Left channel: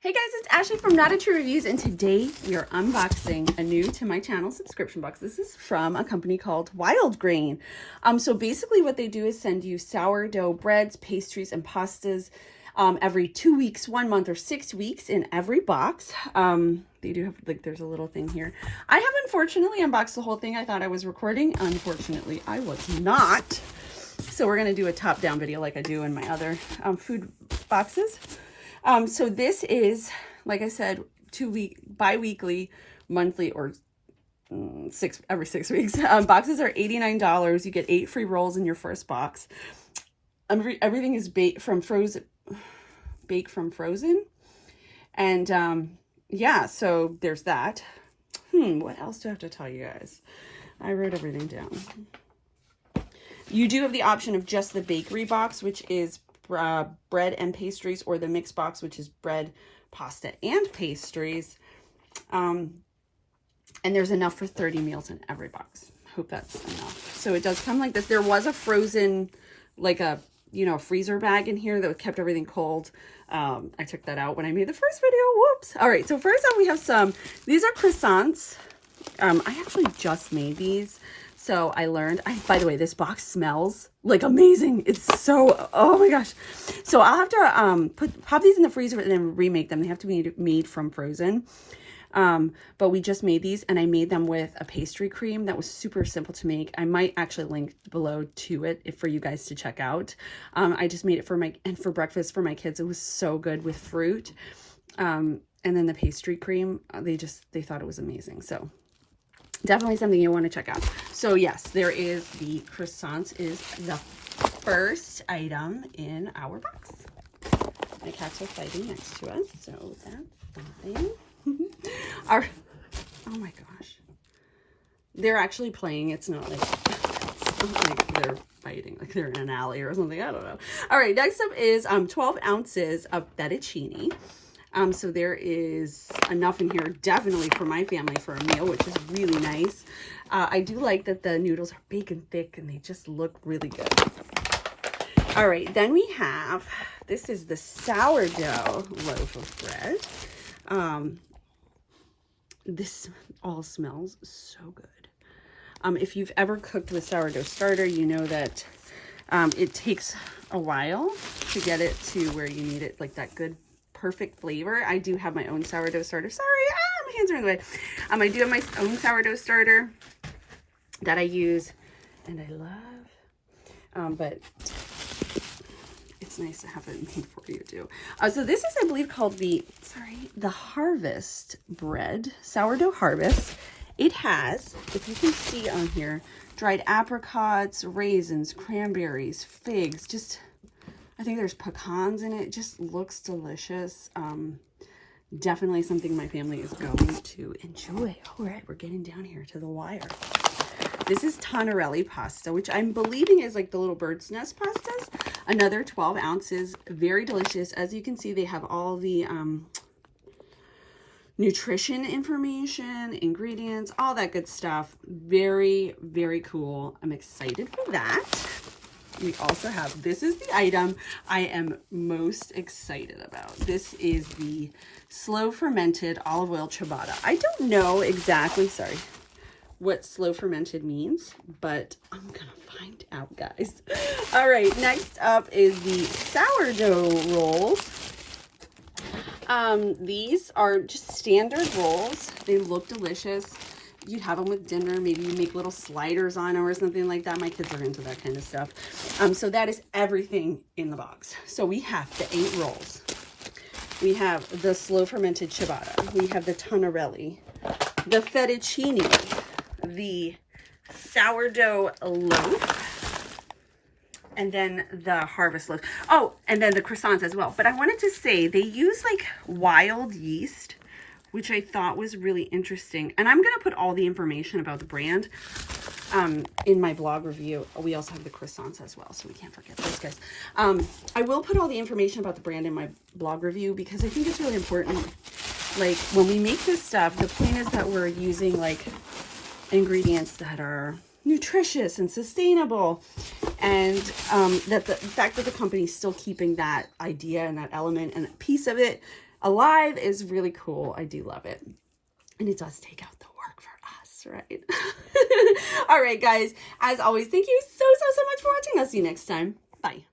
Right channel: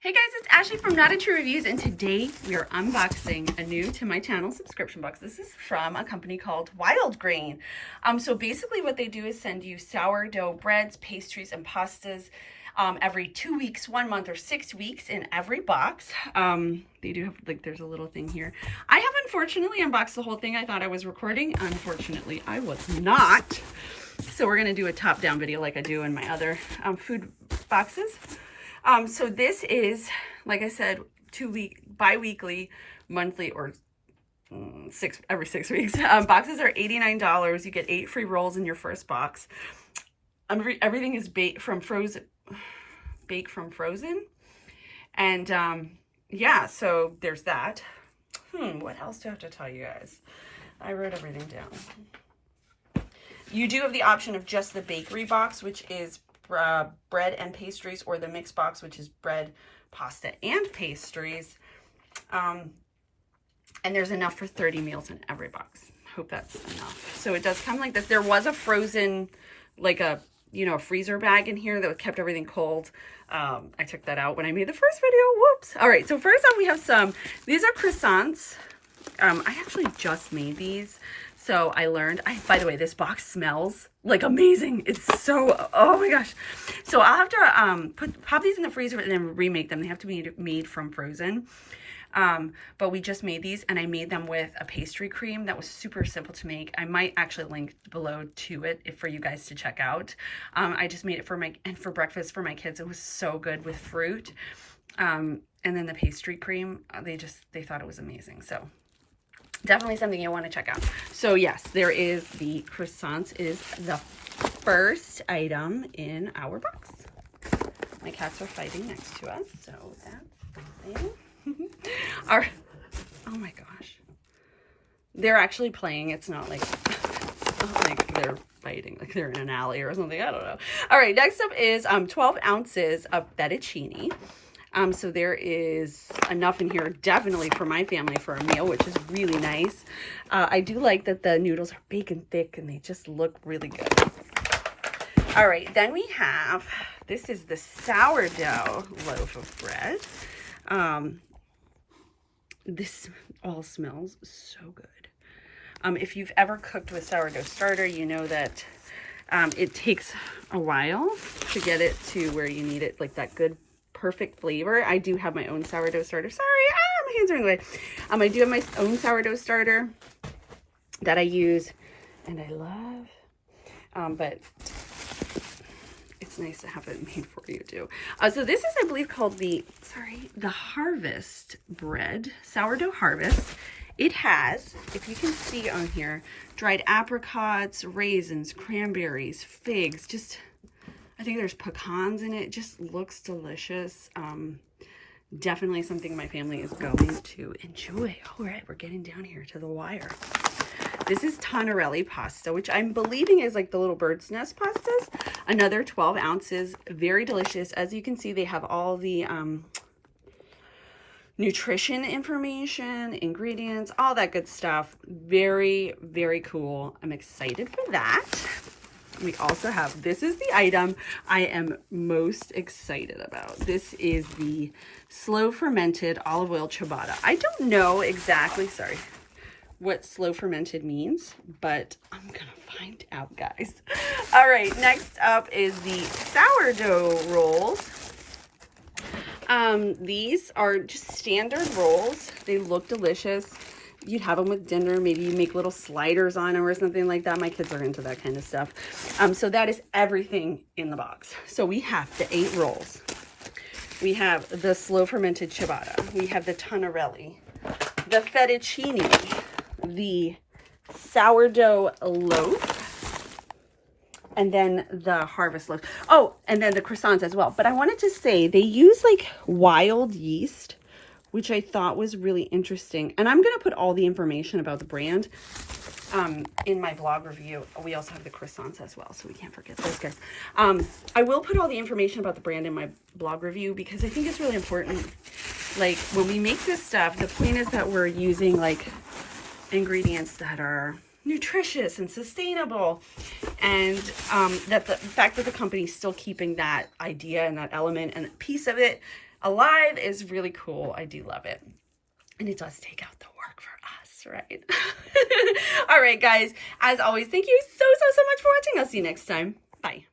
Hey guys, it's Ashley from Not a True Reviews, and today we are unboxing a new to my channel subscription box. This is from a company called Wildgrain. So basically what they do is send you sourdough breads, pastries, and pastas every 2 weeks, 1 month, or 6 weeks in every box. They do have, like, there's a little thing here. I have unfortunately unboxed the whole thing. I thought I was recording. Unfortunately, I was not. So we're going to do a top-down video like I do in my other food boxes. So this is, like I said, bi-weekly, monthly, or every 6 weeks. Boxes are $89. You get 8 free rolls in your first box. Everything is baked from frozen. And yeah, so there's that. What else do I have to tell you guys? I wrote everything down. You do have the option of just the bakery box, which is bread and pastries, or the mixed box, which is bread, pasta, and pastries. And there's enough for 30 meals in every box. Hope that's enough. So it does come like this. There was a frozen, like a, a freezer bag in here that kept everything cold. I took that out when I made the first video. Whoops. All right, so first up we have these are croissants. I actually just made these. So I learned, by the way, this box smells like amazing. It's so, oh my gosh. So I'll have to pop these in the freezer and then remake them. They have to be made from frozen. But we just made these, and I made them with a pastry cream that was super simple to make. I might actually link below to it for you guys to check out. I just made it for breakfast for my kids. It was so good with fruit. And then the pastry cream, they thought it was amazing. So definitely something you want to check out. So yes, there is the croissants is the first item in our box. My cats are fighting next to us, so that's something. Oh my gosh. They're actually playing. It's not like they're fighting, like they're in an alley or something. I don't know. All right, next up is 12 ounces of fettuccine. So there is enough in here, definitely for my family for a meal, which is really nice. I do like that the noodles are bacon thick and they just look really good. All right, then we have, this is the sourdough loaf of bread. This all smells so good. If you've ever cooked with sourdough starter, you know that it takes a while to get it to where you need it, like that good perfect flavor. I do have my own sourdough starter. Sorry, my hands are in the way. I do have my own sourdough starter that I use and I love. But it's nice to have it made for you too. So this is, I believe, called the Harvest bread, sourdough harvest. It has, if you can see on here, dried apricots, raisins, cranberries, figs, I think there's pecans in it. It just looks delicious. Definitely something my family is going to enjoy. All right, we're getting down here to the wire. This is Tonarelli Pasta, which I'm believing is like the little bird's nest pastas. Another 12 ounces, very delicious. As you can see, they have all the nutrition information, ingredients, all that good stuff. Very, very cool. I'm excited for that. We also have, this is the item I am most excited about. This is the slow fermented olive oil ciabatta. I don't know exactly, what slow fermented means, but I'm gonna find out, guys. All right, next up is the sourdough rolls. These are just standard rolls. They look delicious. You'd have them with dinner. Maybe you make little sliders on them or something like that. My kids are into that kind of stuff. So that is everything in the box. So we have the 8 rolls. We have the slow fermented ciabatta. We have the Tonarelli, the fettuccine, the sourdough loaf, and then the harvest loaf. Oh, and then the croissants as well. But I wanted to say they use like wild yeast, which I thought was really interesting. And I'm going to put all the information about the brand in my blog review. We also have the croissants as well, so we can't forget those guys. I will put all the information about the brand in my blog review because I think it's really important. Like, when we make this stuff, the point is that we're using like ingredients that are nutritious and sustainable, and that the fact that the company's still keeping that idea and that element and that piece of it alive is really cool. I do love it. And it does take out the work for us, right? All right, guys. As always, thank you so much for watching. I'll see you next time. Bye.